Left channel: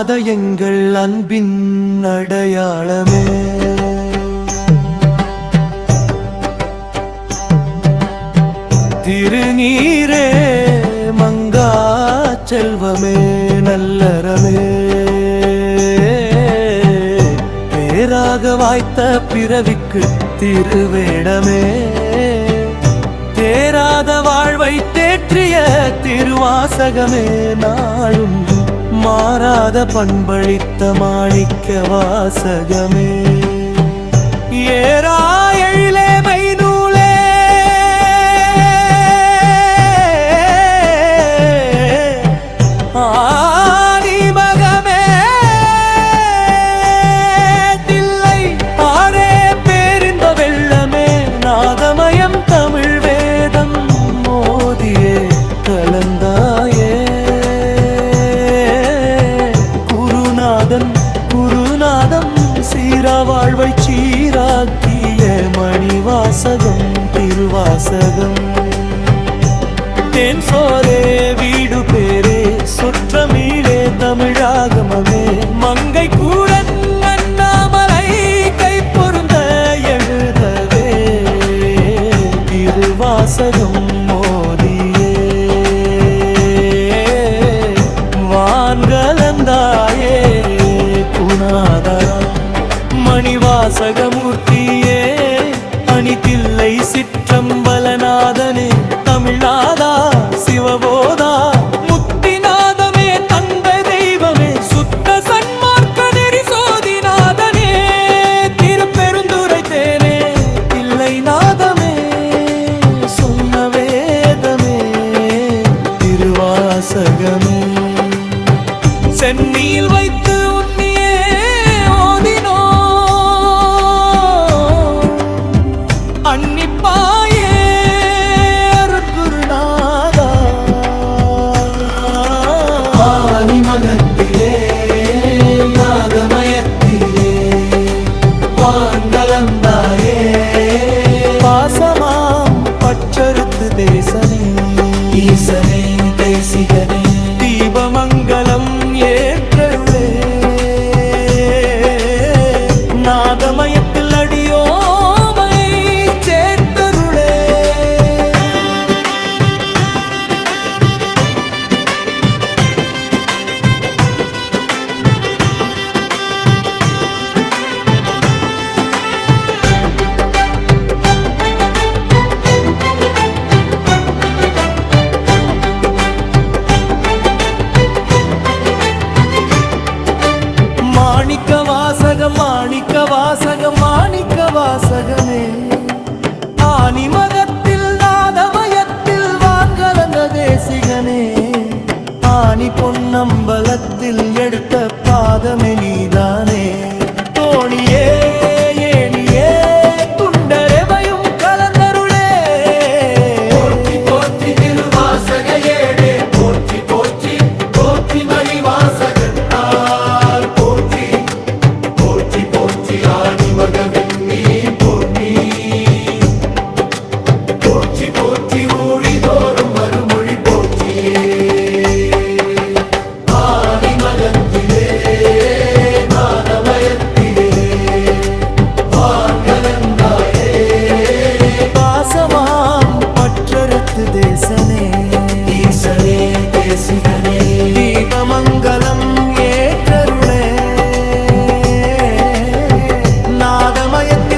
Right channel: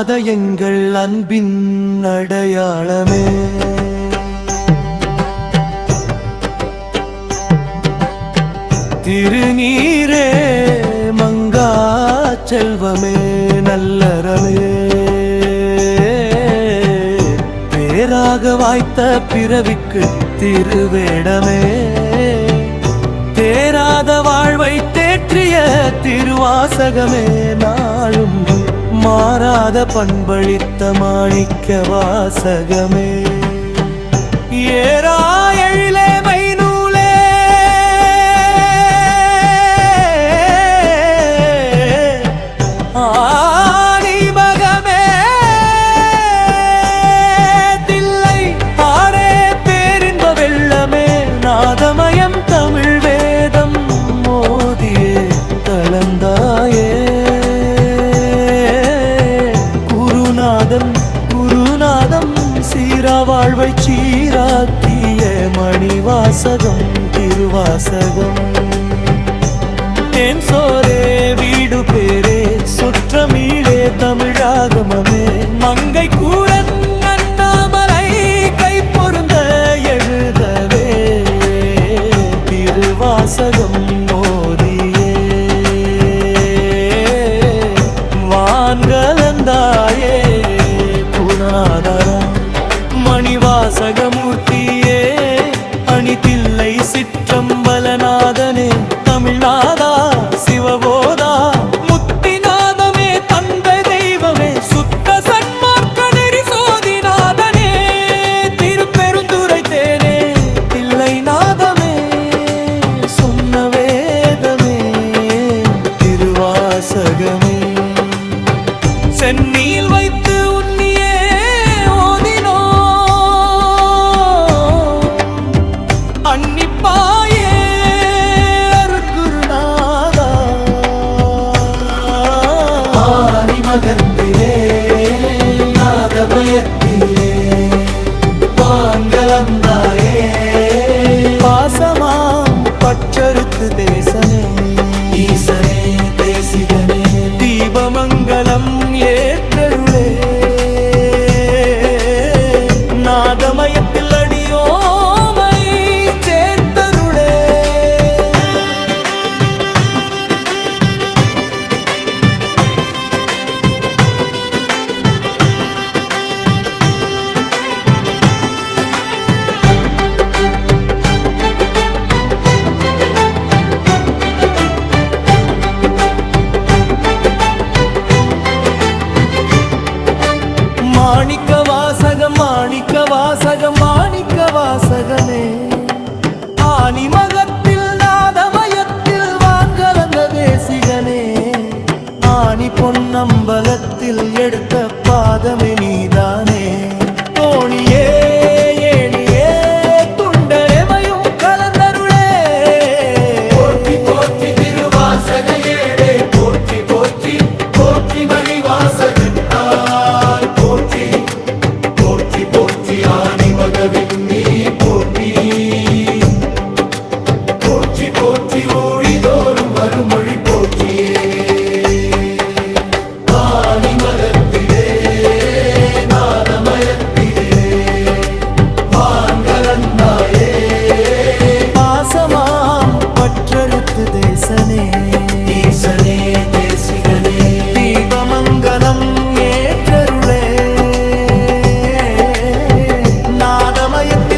மாறாத எங்கள் அன்பின் அடையாளமே. திருநீரே மங்கா செல்வமே நல்லறமே, பேராக வாய்த்த பிறவிக்கு திருவேடமே, தேராத வாழ்வை தேற்றிய திருவாசகமே, நாளும் மாறாத பண்பளித்த மாணிக்க வாசகமே. ஏராயிலே மைநூலே ஆணிமகமே, தில்லை ஆரே பேரின்ப வெள்ளமே, நாதமயம் தமிழ் வேதம் மோதியே கலந்தாயே. குருநாதம் சீரா வாழ்வை சீராக்கிய மணிவாசகம் திருவாசகம். தென் சோரே வீடு பேரே சுற்றமீழே தமிழாகமமே, மங்கை கூரன் அண்ணாமலை கை பொருந்த எழுதவே திருவாசகம் மோதியே. வான்கலந்தாயே குணாதரம் மணிவாசகமூர்த்தியே, அணிதில்லை சிற்றம்பலநாதனே தமிழ்நாதா சிவபோதா முத்திநாதமே, தந்த தெய்வமே சுத்த சன்மார்க்க நெறி சோதிநாதனே, திருப்பெருந்துரை தேனே தில்லை நாதமே, சொன்ன வேதமே திருவாசகமே. சென்னியில் வைத்து உன்னியே ஓதினோ அன்னிப்பாயே அருட்குருநாதா. ஆதிமகத்திலே நாதமயத்திலே வான்கலந்தாயே, பாசமாம் பற்றறுத்து தேசனே ஈசனே தேசிகனே, தீபமங்கலம் ஏற்றருளே, நாதமயத்தில் அடியோமை சேர்த்தருளே. மாணிக்க வாசகம் மாணிக்க வாசகம் மாணிக்க வாசகமே, ஆணிமகத்தில் நாதமயத்தில் வான்கலந்த தேசிகனே, ஆணி பொன்னம்பலத்தில் எடுத்த பாதமே நீதானே, தோணியே ஏணியே துண்டரெவையும் கலந்தருளே. போற்றி போற்றி திருவாசக ஏடே, போற்றி போற்றி போற்றி மணிவாசகர் பற்றறுத்து தேசனே ஈசனே தேசிகனே, தீபமங்கலம் ஏற்றருளே, நாதமயத்தில்